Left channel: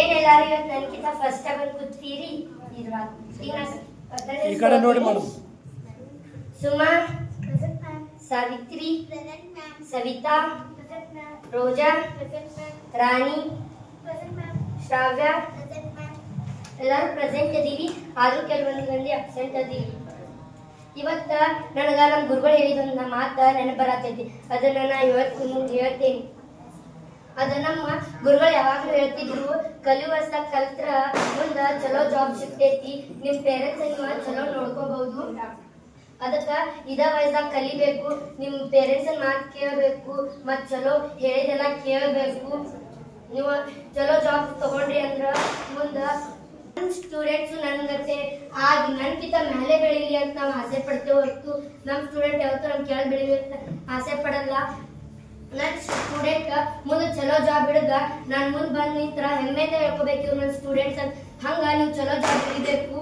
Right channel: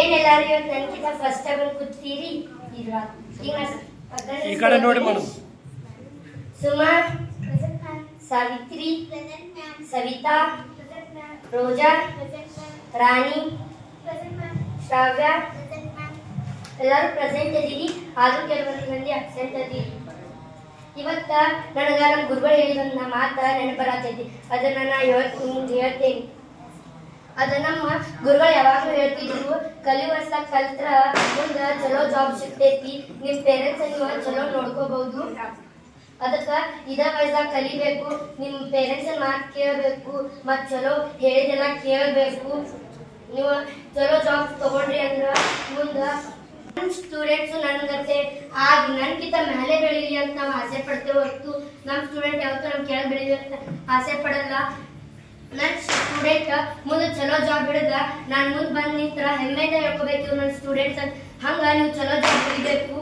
ಏನೆಲ್ಲರೂ ಇವತ್ತು ನನಗಿಂತ ಫಸ್ಟ್ ಬಂದು ಕೂತೀರಿ ಇಲ್ವಾ? ಈ ಕಡೆ ನೋಡಿ ಮೇಡಮ್. ಸುಮಾ, ಸಾವಿತ್ರಿ, ಸವಿತಾ, ರೋಜಾ, ರಾಣಿ, ಶ್ರಾವ್ಯ ಎಲ್ಲರೂ ಪ್ರೆಸೆಂಟ್ ಅದೀವಿ. ಆದ್ರೂ ಕೆಲವೊಂದು ಮಂದಿ ಅಬ್ಸೆಂಟ್ ಅದೀವಿ. ಇವತ್ತ ನನಗ ನಮ್ಮ ಗುರುಗಳು ಹೇಳಿದ ಮಾತ ನೆನಪು ಬರತೈತಿ. ಅದನ್ನ ನಾ ಹೇಳ್ತೇನೆ. ಅದ ನಮ್ಮ ಗುರುಗಳು ಯಾವಾಗ್ಲೂ ಹೇಳ್ತಿದ್ರು, ಕಲಿಯುವಷ್ಟ ಕಲ್ತ್ರ ಮುಂದ ಚಲೋ ಜಾಬ್ ಸಿಗ್ತೈತಿ, ನಿಮ್ ಪೇರೆಂಟ್ಸ್ ನೀವು ಚಲೋ ನೋಡ್ಕೋಬಹುದು. ಅದಕ್ಕ ಇದ ವಯಸ್ಸಾಗ ಕಲಿಬೇಕು, ನಿಮ್ ಪೇರೆಂಟ್ಸ್ ಮಾತು ಕೇಳಬೇಕು, ಮತ್ ಚಲೋ ಹೇಳಿದೆಲ್ಲ ಕೇಳಬೇಕು. ನೀವು ಚಲೋ ಜಾಬ್ ತಗೊಂಡ್ರಿ ಅಂದ್ರ ಮುಂದ ಸ್ಟೂಡೆಂಟ್ಸ್ ನನ್ಗತ್ತೆ ಆಗಿ ನನ್ಗಿಂತ ಮೇಲೆ ಬೆಳೀಲಿ ಅಂತ ನಾವು ಆಸೆ ಪಡ್ತೇವೆ ಹೊರತು ನಮ್ಮ ಸ್ಟೂಡೆಂಟ್ ಯಾವತ್ತೂ ನಮ್ ಕೆಳಗೆ ಬೆಳೀಲಿ ಅಂತ ಆಸೆ ಪಡಲ್ಲ. ನನ್ನ ಸ್ಟೂಡೆಂಟ್ ಮುಂದೆ ಚಲೋ ಜಾಬ್ ಹಿಡಿದ ನಾನು ಮುಂದೆ ಬಂದು ನಿಂತರ ಹೆಮ್ಮೆಯಿಂದ ಹೇಳ್ಕೋಬೇಕು ಇವ್ರು ನನ್ನ ಸ್ಟೂಡೆಂಟ್ಸ್ ಅಂತ. ಹಂಗ ನೀವು ಚಲೋ ಜಾಬ್ ಹಿಡಿಬೇಕು.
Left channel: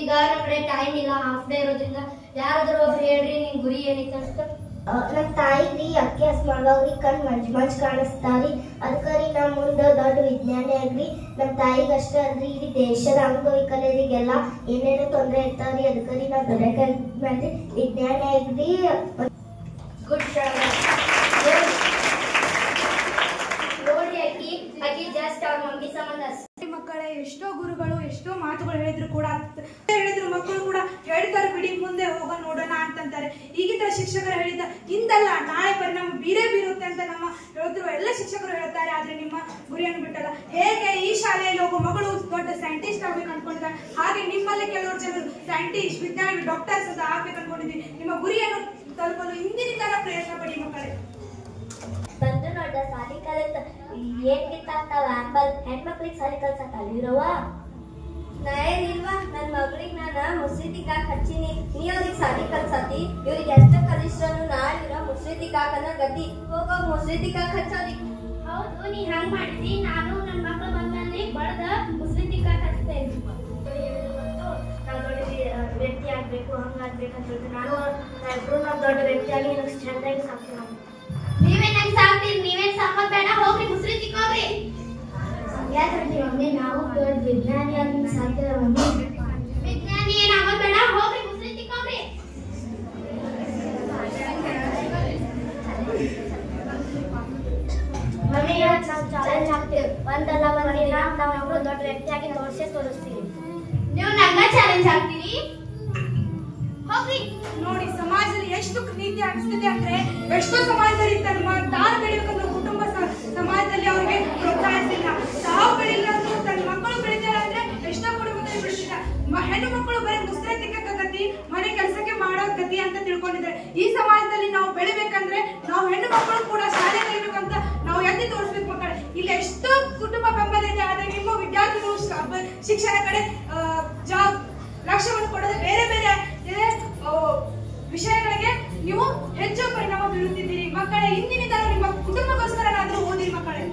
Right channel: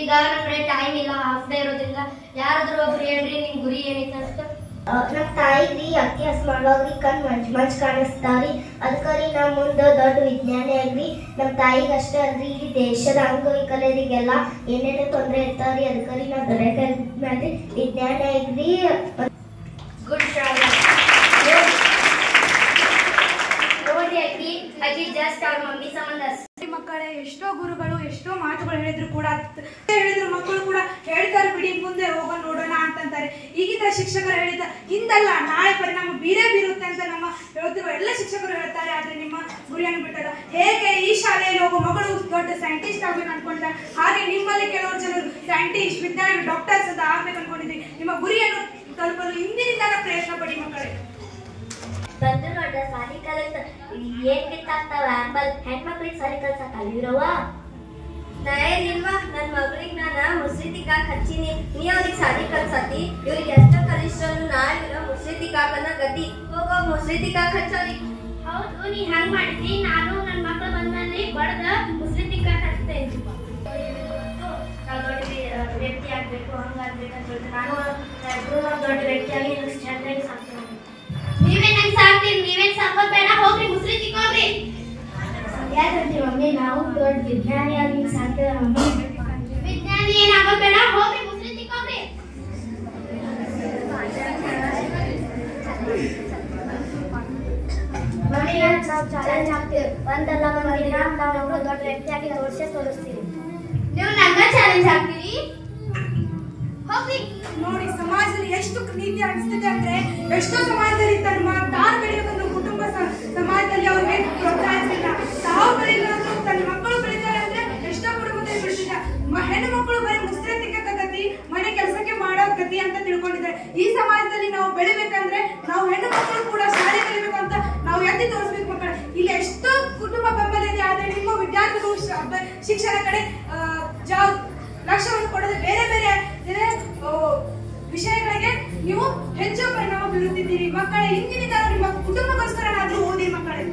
ಈಗ ನಮ್ಮ ಕಡೆ ಟೈಮ್ ಇಲ್ಲ, ಹಾಫ್ ಡೇ ಇರೋದ್ರಿಂದ ಯಾರಾದ್ರೂ ಒಬ್ರು ಹೇಳ್ರಿ ನಿಮ್ ಗುರಿ ಏನೈತೆ ಅಂತ. ನಮ್ಮ ತಾಯಿಗ್ರಿ ಅಭ್ಯಾಸ ಮಾಡುವಾಗ್ರಿ ಕಣ್ ಮಂಚ್ ಕಾಣಿಸ್ತಾವ್ರಿ. ಅದಕ್ಕೆ ನಾವು ಮುಂದೆ ದೊಡ್ಡ ವಿಜ್ಞಾನಿ ಆಗ್ರಿ. ನಮ್ಮ ತಾಯಿಗೆ ಅಷ್ಟೇ ಅಲ್ರಿ ಇಡೀ ದೇಶದ ಅಂಗವಿಕಲರಿಗೆಲ್ಲ ಏನೇನೋ ತೊಂದರೆ ಇರ್ತಾವ್ರಿ. ಅದಕ್ಕೆ ನಾವು ದೊಡ್ಡ ವಿಜ್ಞಾನಿ ಆಗ್ರಿ. ಗುಡ್ ಜಾಬ್ ನೋಡಿ ಆಕಿ ಜಸ್ಟ್ ಅವ್ರ ಮಮ್ಮಿ ಸಂಬಂಧ. ಮಕ್ಕಳೇ ಎಷ್ಟೋ ಗುರುಗಳು ಎಷ್ಟೋ ಮಾತುಗಳು ಹೇಳಿದ್ರು ಕೂಡ ಮಕ್ಕಳು ಕೂಡ ಹೇಳ್ತಾರೆ ಬಿಡಿ ಮುಂದೆ ಹೋಗೋಣ ನೋಡೋಣ ಅಂತಂತಾರೆ. ಈಗಿನ ಶಿಕ್ಷಕರು ಹೇಳಿದ ಇಂದಲ್ಲ ನಾಳೆ ಪರಿಣಾಮ ಬೀರುತ್ತೆ ಅಂತ ನಮ್ಮ ಹೇಳ್ತಿರುವ ಎಲ್ಲ ಶಿಕ್ಷಕರು ಹೇಳ್ತಾರೆ. ಆದ್ರೆ ನಿಮ್ಮ ಗುರಿಯನ್ನು ಬಿಟ್ಟಲ್ಲ. ಹೇಗೆ ಈ ಶಾಲೆಯಲ್ಲಿ ಹೋಗೋ ಮಗಳು ದೊಡ್ಡ ಸೈಂಟಿಸ್ಟ್ ಆಗ್ಬೇಕು ಅನ್ಕೊಳ್ತಾರೆ, ಹಾಗೆ ನಿಮ್ಮಲ್ಲಿ ಕೆಲವರು ಜನರು ಸೈಂಟಿಸ್ಟ್, ವಿಜ್ಞಾನಿ, ಡಾಕ್ಟರ್ಸ್ ಅಂತ ಆಗ್ಬೇಕು ಅನ್ಕೊಂಡಿದ್ವಿ. ನಿಮ್ಮ ಗುರಿಯನ್ನು ತಲುಪಲು ಇಂದಿನಿಂದ ಪ್ರಯತ್ನ ಪಡಿ ಮಕ್ಕಳೇ. ಬಂದು ನೋಡ್ರ ಸಾಲಿ ಕಲಿತ ಏನ್ ಬಿತ್ತಾಗ್ತಾವ ಆಂಬಲ್ ಹೆಣ್ಮಕ್ಳಿಗೆ ಸಾಲಿ ಕಲ್ಸಕ್ ಅಲ್ಲಿರವ ನಾ ಏನಿಲ್ವಾ ನನ್ನ ಮಗಳಿಗೆ ನಾನು ಮುಸ್ರಿ ತಿಕ್ಕಾಕ್ ಹಚ್ಚಿನಿ, ನೀ ಅವ್ರಿಗೆ ಸಾಲಿ ಕಲ್ಸತಿ. ಇವ್ರಿಗೆ ಎಷ್ಟೋ ಕಲಿಸ್ಟ್ರು ನಾಳೆ ಮುಸ್ರಿ ತಿಕ್ಕಾಕನ್ನ ಗತಿ ಹೋಗ ಮುಸ್ರಿ ತಿಕ್ಕಾಕ್ ಹಚ್ಚೋರಿ. ಹೌದು, ನೀ ಹಂಗ್ ಮಾಡಿದ್ರಿ. ನಾನು ನನ್ನ ಮಕ್ಕಳು ಬಂದಲ್ಲಿ ಬಡ್ದ ಮುಸ್ರಿ ತಿಕ್ಕಾಕ್ ಹಚ್ತೇನೆ. ನಾವು ದೊಡ್ಡ ವ್ಯಕ್ತಿ ಆಗ್ಬೇಕು, ಹಂಗಾಗ್ಬೇಕಂತ ಹೇಳ್ತೀನಿ. ನಾನು ದೊಡ್ಡ ವ್ಯಕ್ತಿಯಾಗಿ ನಿಮ್ಗೆ ಚಂದಾಗಿ ಸಾಕ್ತೀನಿ. ನೀವೇ ನಂಗೆ ಸಾಕ್ತೀರಿ, ನೀವೇನ್ ಸಾಕೋದ್ ಬೇಡ, ಹೋಗ್ರಿ ಮುಸ್ರಿ ತಿಕ್ಕೋಗ್ರಿ. ಯಾಕಂದ್ರೆ ಮಮ್ಮಿ ನಾವು ದೊಡ್ಡ ವಿಜ್ಞಾನಿ ಆಗಿ ಸಾಕ್ತೇವೆ ಮಮ್ಮಿ. ವಿಜ್ಞಾನಿ ಏನಾಗೋದ್ ಬೇಡ, ಹೋಗ್ರಿ ಮುಸ್ರಿ ತಿಕ್ಕೋಗ್ರಿ. ಮಮ್ಮಿ ನಾವು ಚಾಲೆಂಜ್ ಹಾಕ್ತೇವೆ. ಒಂದಲ್ಲ ಒಂದಿನ ನಾವು ದೊಡ್ಡ ವ್ಯಕ್ತಿಯಾಗಿ ತೋರಿಸ್ತೀವಿ. ನೀವು ನನ್ನ ಚಾಲೆಂಜ್ ಹಾಕ್ತೀರಿ, ಹೋಗ್ರಿ. ನೋಡಿ ಸಮಾಜದಲ್ಲಿ ಎಷ್ಟು ನೀತಿ ಅನಿಸ್ತಿದೆ ಅಂದ್ರೆ, ಎಷ್ಟೋ ಸಮಾಜದಲ್ಲಿ ತಮ್ಮ ತಾನು ಬೆಳಿಬೇಕಂದ್ರೆ ಕುಟುಂಬ ಸಮಾಜದಲ್ಲಿ ಅವ್ರಿಗೆ ಪ್ರೋತ್ಸಾಹಿಸಿಲ್ಲ. ತಾವು ಬೆಳಿಲ್ಲ ಅಂದ್ರೆ ತನ್ನ ಮಕ್ಕಳು ಬೆಳಿತಾರೆ ಅಂದ್ರೆ ಎಷ್ಟೋ ಕುಟುಂಬದಲ್ಲಿ ಬೆಳೆಸಿಲ್ಲ. ಹೆಣ್ಣು ಮಕ್ಕಳು ಬರೀ ಮುಸ್ರೆ ತಿಕ್ಕ ಗತಿ, ಮನೆ ಕೆಲಸಕ್ಕೆ ಮಾಡೋ ಗತಿ ಅಂತ ತಿಳ್ಕೊಂಡಿದ್ದಾರೆ. ಈ ಸಮಾಜದಲ್ಲಿ ನಾವು ಬೆಳಿಬೇಕಂದ್ರೆ ನಾವು ಹೆಣ್ಣು ಮಕ್ಕಳು ಕೂಡ ಶಾಲೆ ಕಲಿಬೇಕು ಅಂತ ನಾವು ಎತ್ತಿ ತೋರಿಸ್ಬೇಕು ಮಕ್ಕಳು. ಇಲ್ಲಿ ಎಷ್ಟೋ ಕುಟುಂಬ ಬೆಂಬಲ ಇದೆ, ಆದ್ರೆ ನಿಮ್ಮ ವಿದ್ಯಾರ್ಥಿಗಳು ಶಿಕ್ಷಣ ಕಡೆ ಲಕ್ಷ್ಯವನ್ನು ಕೊಡದೆ ಬೇರೆ ಬೇರೆ ವಿಷಯಗಳಿಗೆ ನೀವು ಹೆಚ್ಚು ಪರಿಣಾಮ ಬೀರುತ್ತಿದ್ದೀರಿ. ಮಕ್ಕಳೇ ಇಂದಿನಿಂದ ನಿಮ್ಮ ಕುಟುಂಬಕ್ಕೋಸ್ಕರನಾದ್ರೂ ಓದಿ ಮಕ್ಕಳೇ.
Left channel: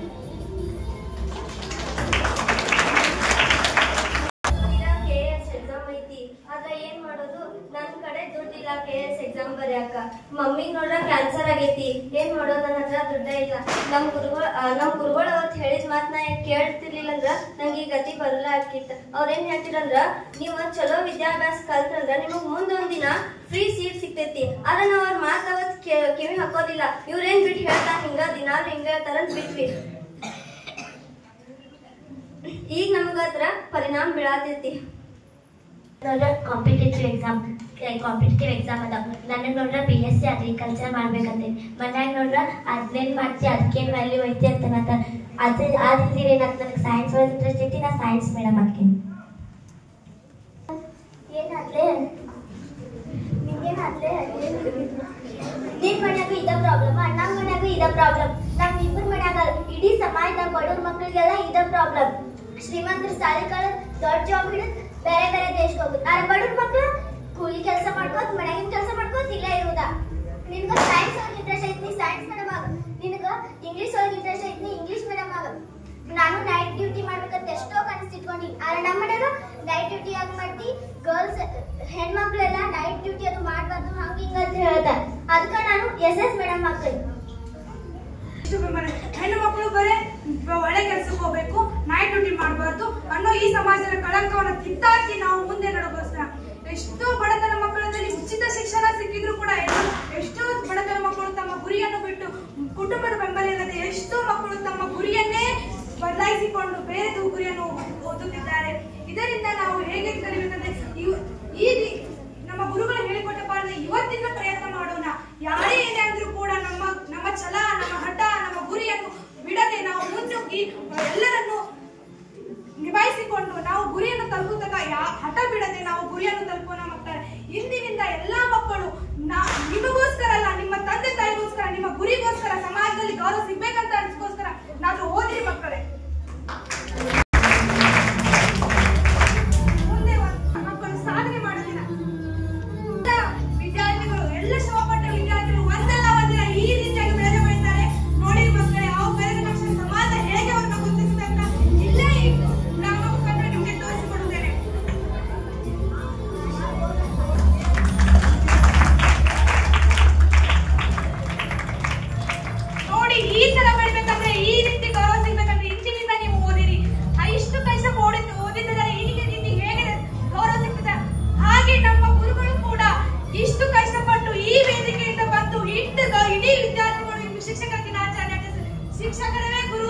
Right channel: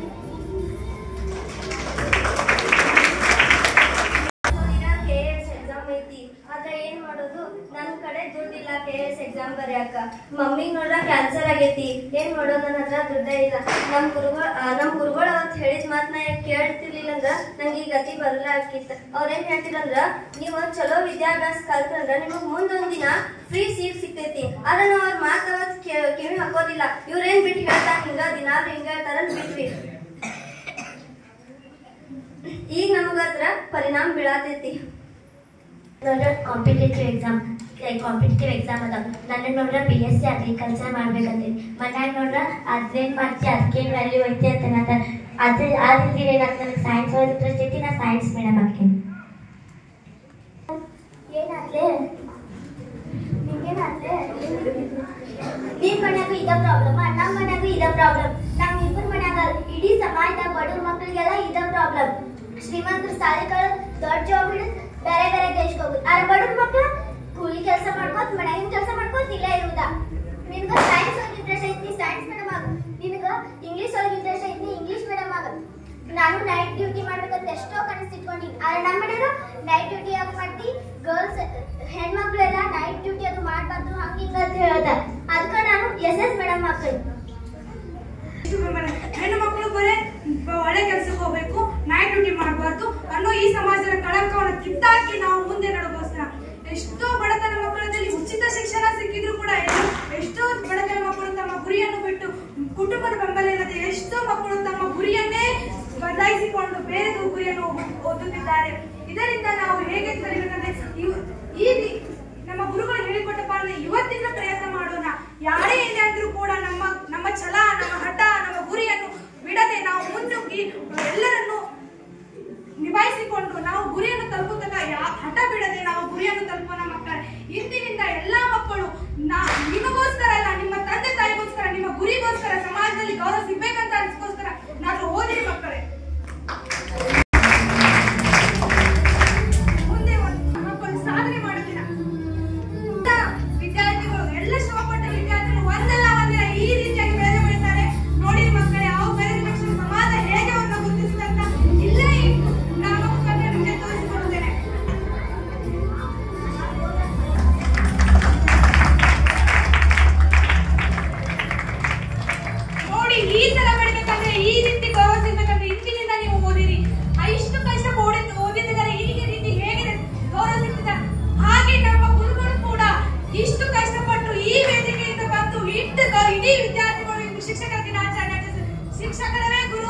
ಎಕ್ಸಾಮ್ ಐತಿ, ಆದ್ರೆ ಏನ್ ಮಾಡೋದು, ನನ್ ಕಡೆ ದುಡ್ಡಿಲ್ಲ KS ಎಕ್ಸಾಮ್ ಬರೆಯಾಕ. ಮಮ್ಮಿಗ್ ನೋಡ್ರ ಕ್ಯಾನ್ಸರ್ ಆಗೈತಿ, ಏನ್ ಮಾಡೋದು, ನನ್ನ ಹತ್ರ ದುಡ್ಡ ಇಲ್ಲ. ನಮ್ ಗುರುಗಳು ಅವತ್ತು ಹೇಳಿದ ಮಾತನ್ನ ಕೇಳ್ತಿರ್ಲಿಲ್ಲ ಅಂದ್ರ ನಂಗೆ ಈ ಗತಿ ಬರಲ್ಲ ಆಕಿತ್ತು. ಅವ್ರೇನ್ ಹೇಳ್ತಿರಂದ್ರ, ನೀವು ಚಲೋ ವಿದ್ಯಾಭ್ಯಾಸ ಕಲ್ತ್ರಂದ್ರ ನಿಮಗ್ ಮುಂದೊಂದಿನ ಫ್ರೀ ಸೀಟ್ ಸಿಗ್ತೈತಿ. ಆದ್ರೆ ನಾವ್ ಅವ್ರ ಮಾತು ಅವತ್ ಕಿವಿ ಹಾಕೋದಿಲ್ಲ. ಇವ್ರೇನ್ ಬಿಟ್ಟು ಹೇಳ್ತಾರ, ಹಿಂಗ ದಿನಾರು ಹಿಂಗ ಹೇಳ್ತಾರ ಬಿಟ್ವಿ. ಈಗ ನಮಗದ್ರ ಪರಿಣಾಮ ಬೀಳತೈತಿ. ನೋಡ್ರ ಕಾಂಪಿಟೇಟಿವ್ ಎಕ್ಸಾಮ್ ಅದಾವ. ನನಗೆ ನೋಡ್ರ BSc ಅಗ್ರಿಕಲ್ಚರ್ ಮಾಡ್ಬೇಕಂತ ಮನ್ಯಾಗ ನೋಡ್ರ ಅದ್ನೇನ್ ಮಾಡ್ತಿ, ಅದಕ್ಕೇನ್ ವ್ಯಾಲ್ಯೂ ಐತಿ ಅಂತ ಅದ್ರ ನನಗೆ ಸೈನ್ಸ್ ಒಳಗೆ ಇಂಟ್ರೆಸ್ಟ್ ಐತಿ. ನಾ ಸೈನ್ಸ್ ಮೇಡಮ್ ಹಾಕೇನಿ. ಏನಾಗ್ಲೇ ನಿಂಗೇನಾಗ್ಲೇ ನಿನ್ ಮನ್ಯಾಗೂ ಇದ ಪ್ರಾಬ್ಲಮ್, ನಮ್ಮ ಮನ್ಯಾಗೂ ಇದ ಪ್ರಾಬ್ಲಮ್, ನಮ್ ಇಬ್ಬರ ಮನ್ಯಾಗ ಇಡೀ ಸಮಾಜದ ಬಡವ್ರ ಮಕ್ಕಳಿಗೆಲ್ಲ ಇದ ಪ್ರಾಬ್ಲಮ್. ಶ್ರೀಮಂತರ ಸಾಲಿಗಳು ದೊಡ್ಡ ಜಾಬ್ ಹಿಡಿದು ಬೇರೆ ಬೇರೆ ದೇಶಕ್ಕೆ ಹೋಗುದು. ಆ ಬಡವ್ರ ಮಕ್ಕಳು ಕೂಲಿ ಕೆಲಸ ಮಾಡ್ಕೋತ ಮನ್ಯಾಗಿನ ಕೆಲಸ ಮಾಡ್ಕೋತ ಇಲ್ಲ ಇರುವುದ. ನಿನ್ಗ ಸೈನ್ಸ್ ಒಳಗೆ ಇಂಟ್ರೆಸ್ಟ್ ಐತಿ, ಸೈನ್ಸ್ ಮೇಡಮ್ ಆಗ. ನಿನಗ ಇಂಗ್ಲಿಷ್ ಒಳಗೆ ಇಂಟ್ರೆಸ್ಟ್ ಐತಿ, ಇಂಗ್ಲಿಷ್ ಮೇಡಮ್ ಆಗ. ನಾನು ನೈಟ್ ಡ್ಯೂಟಿ ಮಾಡ್ಬೇಕಂತ ಎಷ್ಟೋ ಕನಸಿಟ್ಕೊಂಡಿನಿ. ಆದ್ರೆ ನಮ್ಮ ಮನ್ಯಾಗ ನೈಟ್ ಡ್ಯೂಟಿ ಯಾಕೆ ಮಾಡ್ತಿ, ಗರ್ಲ್ಸ್ ಹೆಣ್ಮಕ್ಳೆಲ್ಲ ನೈಟ್ ಡ್ಯೂಟಿ ಅದು ಮಾಡ್ಬಾರ್ದು ಹಂಗ ಹಿಂಗ ಅಂತ ಹೇಳ್ದ. ಅದಕ್ಕೆ ನಾನು SS ಮೇಡಮ್ ಹಾಕಿ. ಹೆಣ್ಣು ಮಕ್ಕಳು ಬರೇ ಒಳ್ಳೆ ಕೆಲ್ಸಕ್ಕೆ ಹೋಗ್ಬೇಕು, ನೈಟ್ ಡ್ಯೂಟಿ ಮಾಡಬಾರ್ದು ಅನ್ನೋ ಈ ಸಮಾಜದ ಕಳಂಕವನ್ನು ಕಿತ್ತಾಕಿ ನಾವು ಮುಂದೆ ನಡೆಗೋಸ್ಕರ ಎಷ್ಟೋ ಬಡತನ ಮಕ್ಕಳಲ್ಲಿ ಉಚಿತ ಶಿಕ್ಷಣ ಸಿಕ್ಕಿದ್ರು ಕೂಡ ಎಷ್ಟೋ ಬಡತನ ಮಕ್ಕಳು ತಮ್ಮ ಗುರಿಯನ್ನು ಬಿಟ್ಟು ಕುಟುಂಬದ ಬೆಂಬಲ ಇಲ್ಲದೆ ಎಷ್ಟೋ ಮಕ್ಕಳು ತಮ್ಮ ಗುರಿಯನ್ನೇ ಬದಲಾಯಿಸಿಕೊಂಡು ಬೇರೆ ಗುರಿಯನ್ನು ಓದುತ್ತಿದ್ದಾರೆ. ಇದರಿಂದ ನಾವು ಹೇಗೆ ಕಲಿಬೇಕಂದ್ರೆ ನಮ್ಮ ಗುರುಗಳು ಹೇಳಿಕೊಟ್ಟ ಪಾಲನೆ ಇವತ್ತಿನ ಪ್ರಯತ್ನ ಮಾಡೋಣ. ಯಾರೇ ಏನೇ ಅಂದ್ರೂ ಕೂಡ ನಮ್ಮ ಛಲ, ನಮ್ಮ ಹಠ, ನಮ್ಮ ಗುರಿಯನ್ನು ಬಿಡದೆ ನಾವು ಮುನ್ನುಗ್ಗಿ ಎಲ್ಲರನ್ನು ನಿಭಾಯಿಸಿಕೊಂಡು ನಾವು ಗುರಿಯನ್ನು ತಲುಪುತ್ತಕ ಹಠ ಬಿಡದೆ ನಾವು ಗುರಿಯನ್ನು ತಲುಪೋಣ ಮಕ್ಕಳೇ. ಇಂದಿನಿಂದ ಎಲ್ಲಾ ಮಕ್ಕಳು ನಿಮಗೋಸ್ಕರ ಅಲ್ಲ, ನಿಮ್ಮ ತಂದೆ ತಾಯಿಗೋಸ್ಕರ, ನಿಮ್ಮ ಗುರಿಗೋಸ್ಕರ, ಸಮಾಜದಲ್ಲಿ ಗೌರವ ಸಿಗ್ಬೇಕಂತ ಅನ್ಸ್ಕೋಸ್ಕರ ನಾವು ಓದಿರಿ ಮಕ್ಕಳೇ. ಮುಂದೆ ಮಕ್ಕಳು ಸಾಧನೆ ಮಾಡೋದಿನ ವಿದ್ಯಾರ್ಥಿಗಳು ಎಲ್ಲ ಶ್ರಮಪಟ್ಟ ವಿದ್ಯಾರ್ಥಿಗಳು ಒಂದಲ್ಲ ಒಂದಿನ ಈ ರೀತಿಯಾಗಿ ಬೆಳೆದು ಬೆಳೀತಾರೆ. ನೋಡಿರಿ ಮಕ್ಕಳೇ, ಅವು ಬೆಳೆದ ತಕ್ಷಣ ಸಮಾಜ ಹೇಗೆ ಅವ್ರನ್ನ ಗುರುತಿಸುತ್ತೆ ಅಂತ ಇಲ್ಲೇ ನಮ್ಮ ಮುಖಾಂತರ ನಿಮಗೆ ತೋರಿಸಿಕೊಡುತ್ತೇನೆ. ನೋಡಿ, ಈ ತರ ಬೆಳಿಬೇಕಂದ್ರೆ, ಈ ರೀತಿ ಗೌರವ ಸಿಗ್ಬೇಕಂದ್ರೆ ಇಂದಿನಿಂದ ನೀವು ಓದಿರಿ. ಇಷ್ಟು ಕಷ್ಟ ಓದಿದ್ದಾರೆ, ಈ ರೀತಿ ಹೇಗೆ ಗೌರವ ಸಿಗ್ತದೆ. ಹಾಗೆ ನಮ್ಮ ಗುರುಗಳು ಕೂಡ ಇಷ್ಟು ಕಷ್ಟಪಟ್ಟು ಈ ವೇದಿಕೆಯಿಂದ ಬಂದು ಇಡೀ ವಿದ್ಯಾರ್ಥಿಗಳು ಶಿಕ್ಷಕರ ದಿನಾಚರಣೆ ಶಿಕ್ಷಕರೇ ಗುರು